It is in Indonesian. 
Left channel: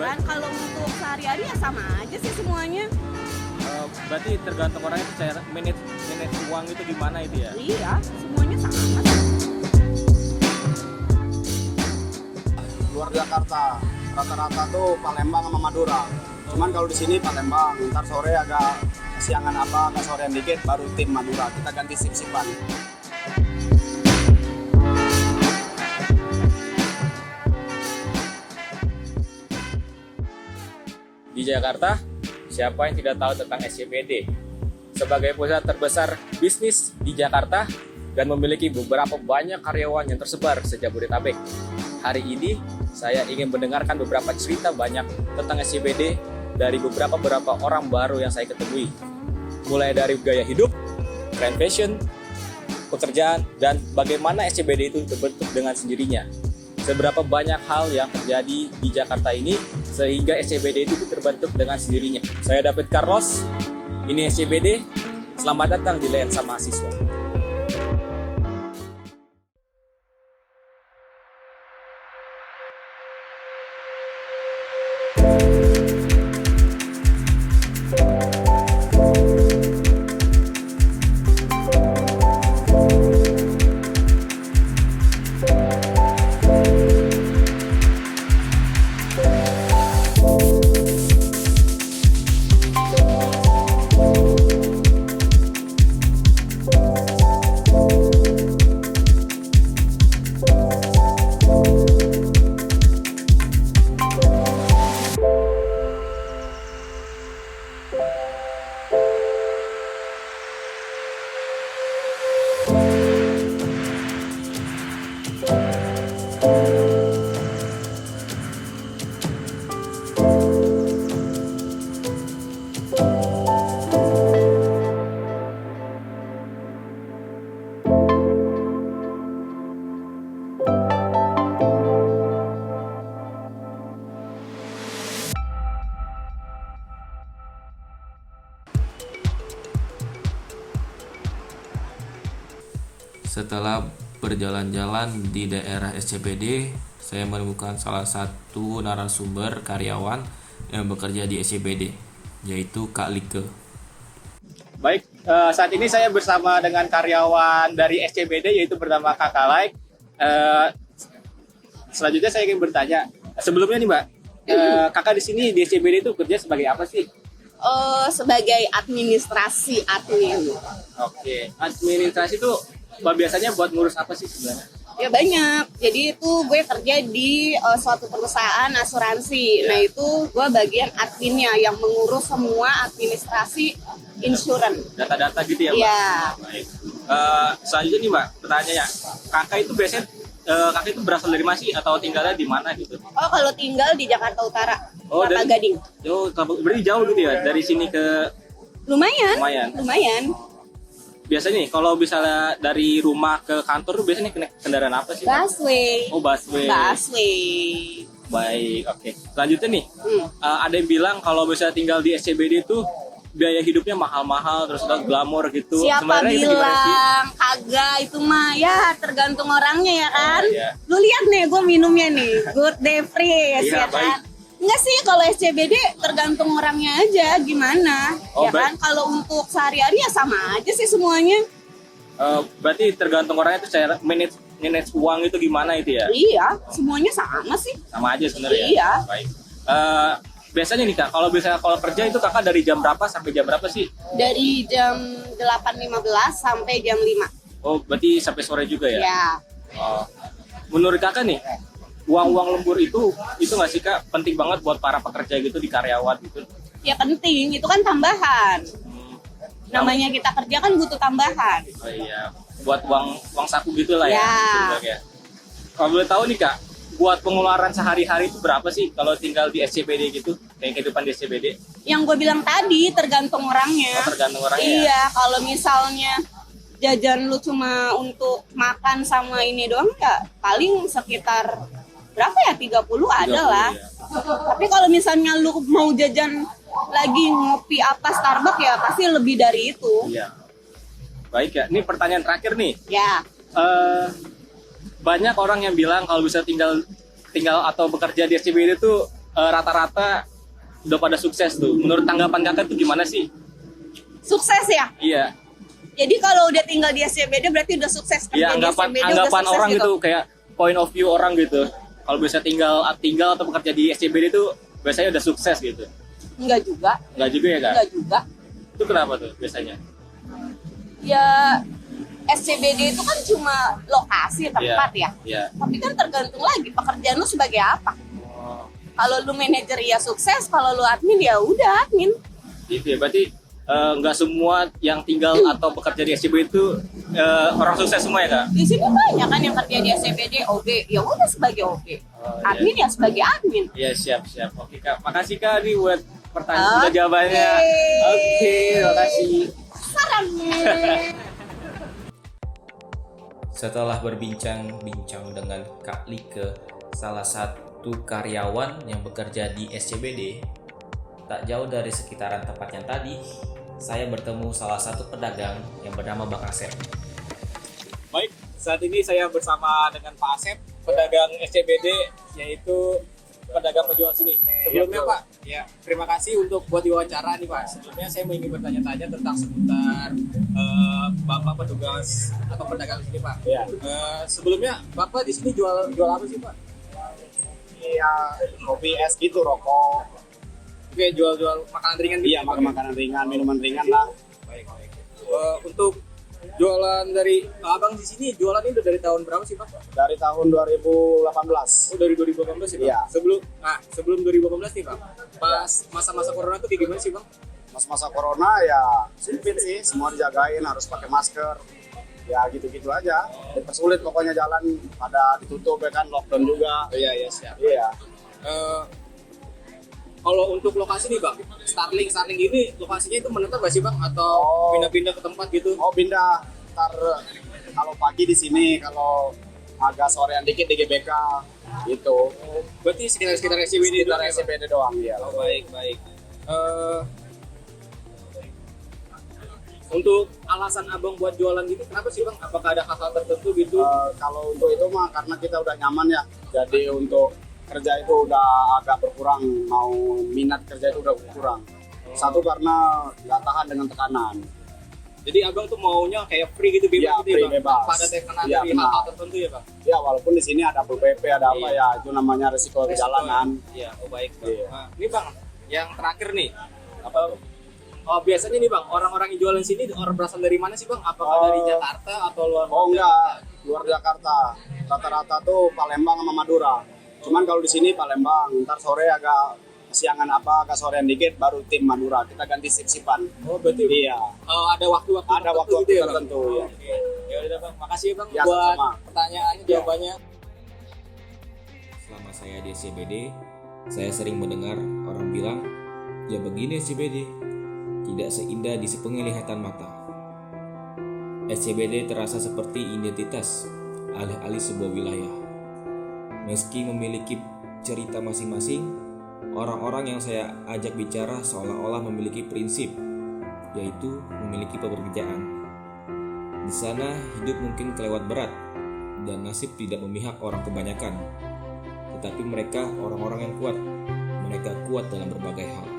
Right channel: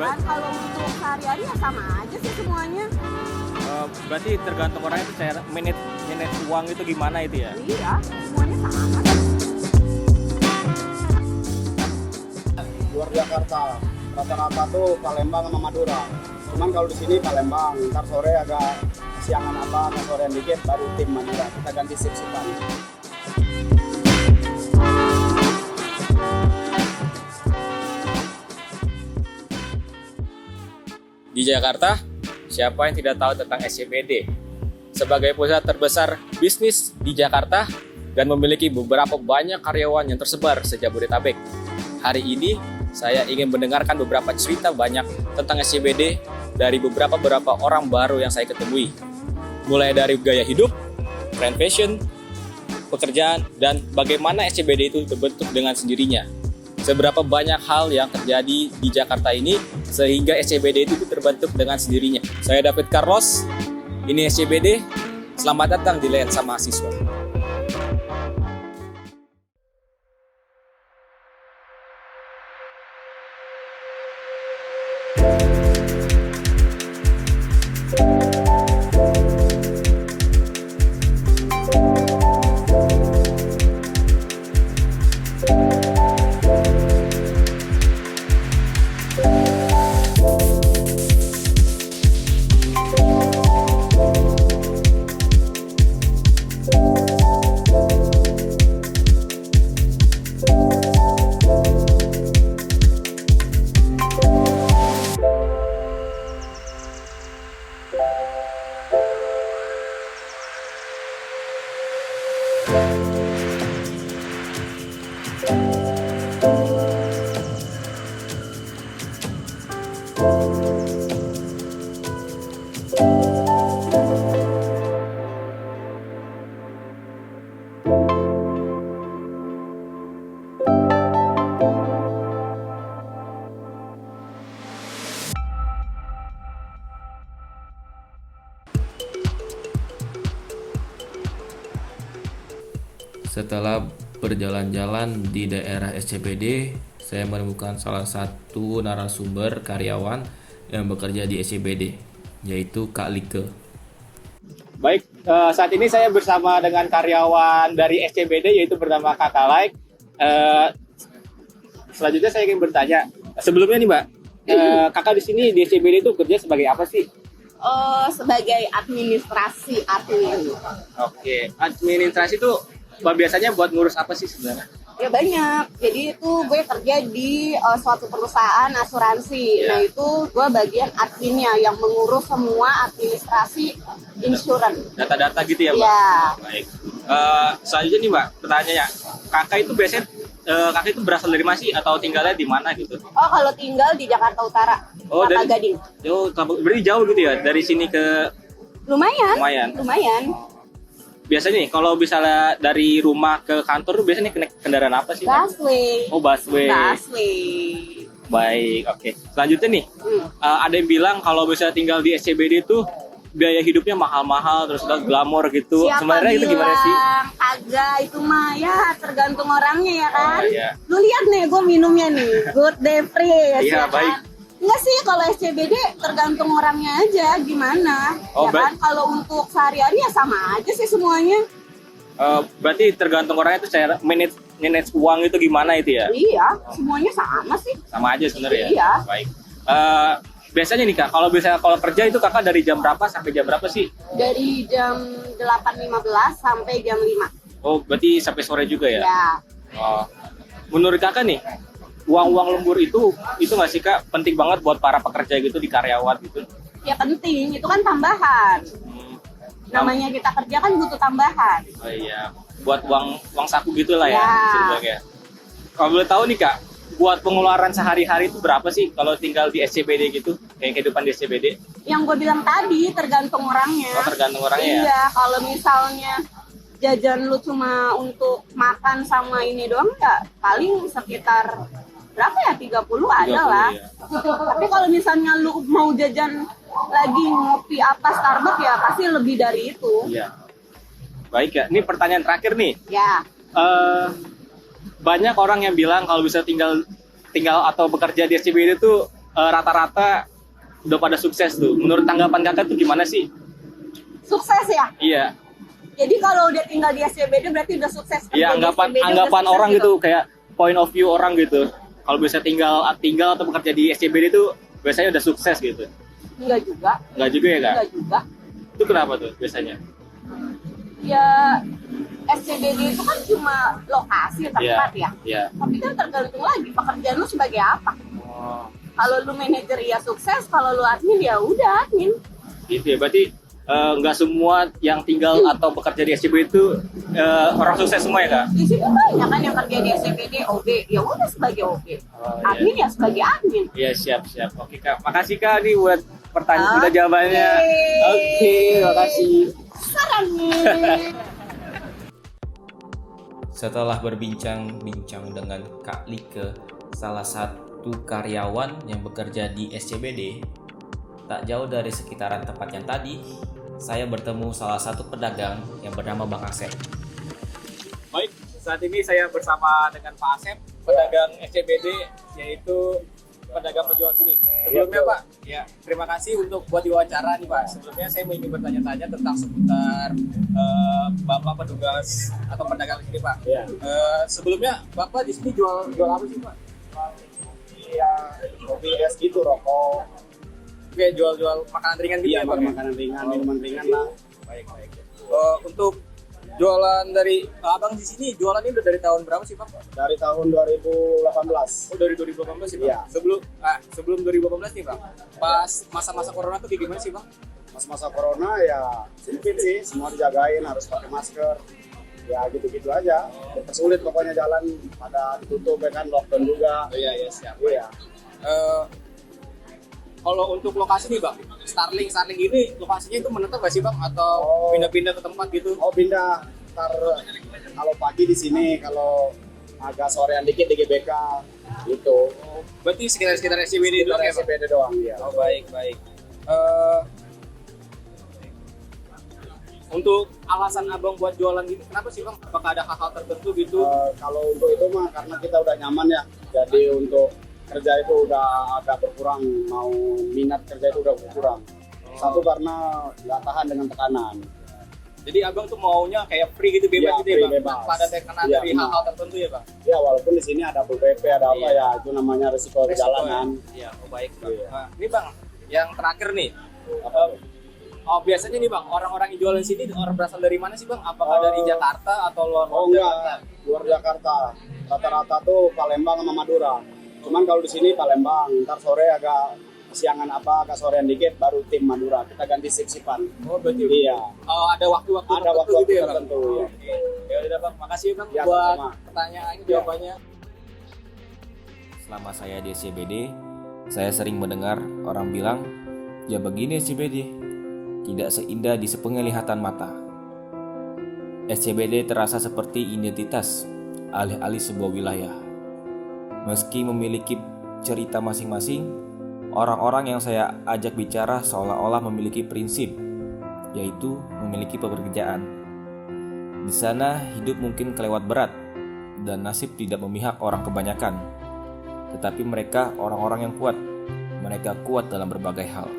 kan kalau untuk sehari-hari ya sama aja sih semuanya. Berarti tergantung orangnya itu cara manage uang itu gimana itu ya? Iya, semuanya sama. Luar Jakarta rata-rata tuh Palembang sama Madura. Cuman kalau di sini Palembang, ntar sore agak siangan apa, sore dikit baru tim Madura. Kita ganti sip-sipan. Di Jakarta, siapa yang tidak tahu tentang SCBD? Sebagai pusat terbesar bisnis di Jakarta dan memiliki beberapa banyak karyawan yang tersebar se-Jabodetabek. Hari ini, saya ingin mendengarkan beberapa cerita banyak tentang SCBD dari beberapa orang baru yang saya ketemui. Mulai dari gaya hidup, tren fashion, pekerjaan, dan bagaimana SCBD itu terbentuk dengan sendirinya. Seberapa banyak hal yang terjadi di Jakarta ini sehingga SCBD itu terbentuk dengan sendirinya. Saya David Carlos, ini SCBD. Selamat datang di Lensa Mahasiswa. Setelah berjalan-jalan di daerah SCBD, saya menemukan salah satu narasumber karyawan yang bekerja di SCBD, yaitu Kak Like. Baik, saat ini saya bersama dengan karyawan dari SCBD, yaitu bernama Kakak Like. Selanjutnya saya ingin bertanya, sebelumnya nih Mbak, Kakak di sini di SCBD itu kerja sebagai apa sih? Sebagai administrasi admin. Oke, administrasi itu biasanya buat ngurus apa sih sebenarnya? Ya banyak. Jadi itu gue kerja di suatu perusahaan asuransi. Nah itu gue bagian adminnya yang mengurus semua administrasi insurance. Data-data gitu ya Mbak? Iya. Baik. Selanjutnya nih Mbak, pertanyaannya, kakak itu biasanya kakak itu berasal dari mana sih atau tinggalnya di mana gitu? Oh kalau tinggal di Jakarta Utara, Oh, Kelapa Gading. Berarti jauh gitu ya dari sini ke Lumayan. biasanya nih kalau misalnya dari rumah ke kantor tuh biasanya naik kendaraan apa sih? Busway. Oh, busway. Baik, oke. Selanjutnya nih, ada yang bilang kalau misalnya tinggal di SCBD itu biaya hidupnya mahal-mahal terus glamor gitu. Siapa Sebenarnya itu gimana sih? bilang kagak, itu mah ya tergantung orangnya ya kan. Oh, iya. Lu lihat nih gue minumnya nih Good Day Fresh Iya, ya baik. kan. Enggak sih, kalau SCBD tergantung orangnya aja gimana. Oh, ya kan, kalau untuk sehari-hari ya sama aja sih semuanya. Berarti tergantung orangnya itu cara manage uang itu gimana itu ya? Iya, semuanya sama sih. Sama aja sebenarnya ya? Iya. Baik. Biasanya nih Kak, kalau kerja itu Kakak dari jam berapa sampai jam berapa sih? Dari jam 8.15 sampai jam 5. Oh, berarti sampai sore juga ya? Ya. Oh. Menurut Kakak nih, uang lembur itu nggak sih Kak penting banget buat para pekerja gitu di karyawan gitu? Ya penting, itu kan tambahan. Namanya kita kerja kan butuh tambahan. Oh iya, buat uang saku gitulah ya Ya. sebenarnya. Kalau boleh tahu nih Kak, buat pengeluaran sehari-hari itu berapa sih kalau tinggal di SCBD gitu, kayak kehidupan di SCBD? Yang gue bilang tadi tergantung orangnya. Oh, tergantung orangnya ya? Iya, kalau misalnya jajan lu cuma untuk makan sama ini doang ya paling sekitar berapa ya, 30 ada lah. ya. Tapi kalau misalnya lu mau jajan lagi ngopi apa Starbucks ya pasti lebih dari itu. Iya. Baik ya, ini pertanyaan terakhir nih. Ya. Banyak orang yang bilang kalau bisa tinggal atau bekerja di SCBD itu rata-rata udah pada sukses tuh. Menurut tanggapan kakak tuh gimana sih? Sukses ya? Iya. Jadi kalau udah tinggal di SCBD berarti udah sukses. Iya, Kerja di SCBD udah anggapan sukses orang gitu, kayak point of view orang gitu. Kalau bisa tinggal atau bekerja di SCBD itu biasanya udah sukses gitu. Enggak juga. Enggak juga ya kak? Enggak juga. Itu kenapa tuh biasanya? Ya SCBD itu kan cuma lokasi tempat ya. Iya. Tapi kan tergantung lagi pekerjaan lu sebagai apa. Oh, Kalau lu manajer ya sukses, kalau lu admin ya udah admin. gitu ya. Berarti nggak semua yang tinggal atau bekerja di SCBD itu orang sukses semua ya kak? Di sini banyak kan yang kerja di SCBD OB, ya udah sebagai OB. Oh, Admin ya sebagai admin. Iya, siap. Oke kak, makasih kak nih buat pertanyaan udah jawabannya. Oke, makasih. Saran. Setelah berbincang-bincang dengan Kak Like, salah satu karyawan yang bekerja di SCBD, tak jauh dari sekitaran tempat yang tadi, saya bertemu salah satu pedagang yang bernama Bang Asep. Baik, saat ini saya bersama dengan Pak Asep, pedagang SCBD, yaitu pedagang penjual sini. Sebelumnya Pak, ya terima kasih untuk buat diwawancara nih Pak. Sebelumnya saya ingin bertanya-tanya tentang seputar Bapak petugas atau pedagang sini Pak. Iya. Sebelumnya Bapak di sini jual apa sih Pak? Iya, kopi es gitu, rokok. Oke, jual makanan ringan gitu Iya, ya Pak? makanan ringan, minuman ringan lah. Baik. Untuk jualan dari Abang di sini, jualan ini udah dari tahun berapa sih Pak? Dari tahun 2018. Oh, dari 2018 sih Bang? Iya. Sebelum 2018 nih Bang, pas masa-masa corona tuh kayak gimana sih Bang? Masa corona ya sempit sih, semua dijagain, harus pakai masker. Ya gitu-gitu aja. Sulit pokoknya jalan pada ditutup ya kan, lockdown juga. Iya, siap. Iya. Kalau untuk lokasi nih Bang, Starling ini lokasinya itu menetap gak sih Bang? Atau pindah-pindah ke tempat gitu? Oh pindah, ntar kalau pagi di sini, kalau agak sorean dikit di GBK gitu. Oh, berarti sekitar SCBD doang ya Bang? SCBD doang ya. Oh, baik. Untuk alasan Abang buat jualan gitu, kenapa sih Bang? Apakah ada hal-hal tertentu gitu? Kalau untuk itu mah karena kita udah nyaman ya, jadi untuk kerja itu udah agak berkurang, mau minat kerja itu udah berkurang. Satu karena nggak tahan dengan tekanan. Jadi Abang tuh maunya kayak free gitu, bebas Iya, gitu ya free, Bang? bebas. Tanpa ada tekanan Iya, dari benar. hal-hal tertentu ya Bang? Ya walaupun di sini ada PP, ada apa Iya. ya, itu namanya resiko perjalanan. Iya, oh baik Bang. Iya. Nah, ini Bang, yang terakhir nih, oh biasanya nih Bang, orang-orang yang jualan sini orang berasal dari mana sih Bang? Apakah dari Jakarta atau luar Oh Jakarta? enggak, luar Jakarta. Rata-rata tuh Palembang sama Madura. Cuman kalau di sini Palembang, ntar sore agak kesiangan agak sorean dikit baru tim Madura. Kita ganti sip-sipan. Oh berarti Iya. ada waktu-waktu Ada tertentu waktu-waktu gitu ya Bang? tertentu, ya. Oke. Ya udah Bang, makasih Bang Ya, buat sama-sama. pertanyaannya, jawabannya. Selama saya di SCBD, saya sering mendengar orang bilang, ya begini SCBD, tidak seindah di sepenglihatan mata. SCBD terasa seperti identitas alih-alih sebuah wilayah. Meski memiliki cerita masing-masing, orang-orang yang saya ajak bicara seolah-olah memiliki prinsip, yaitu memiliki pekerjaan. Di sana hidup mungkin kelewat berat, dan nasib tidak memihak orang kebanyakan. Tetapi mereka orang-orang yang kuat. Mereka kuat dalam berbagai hal.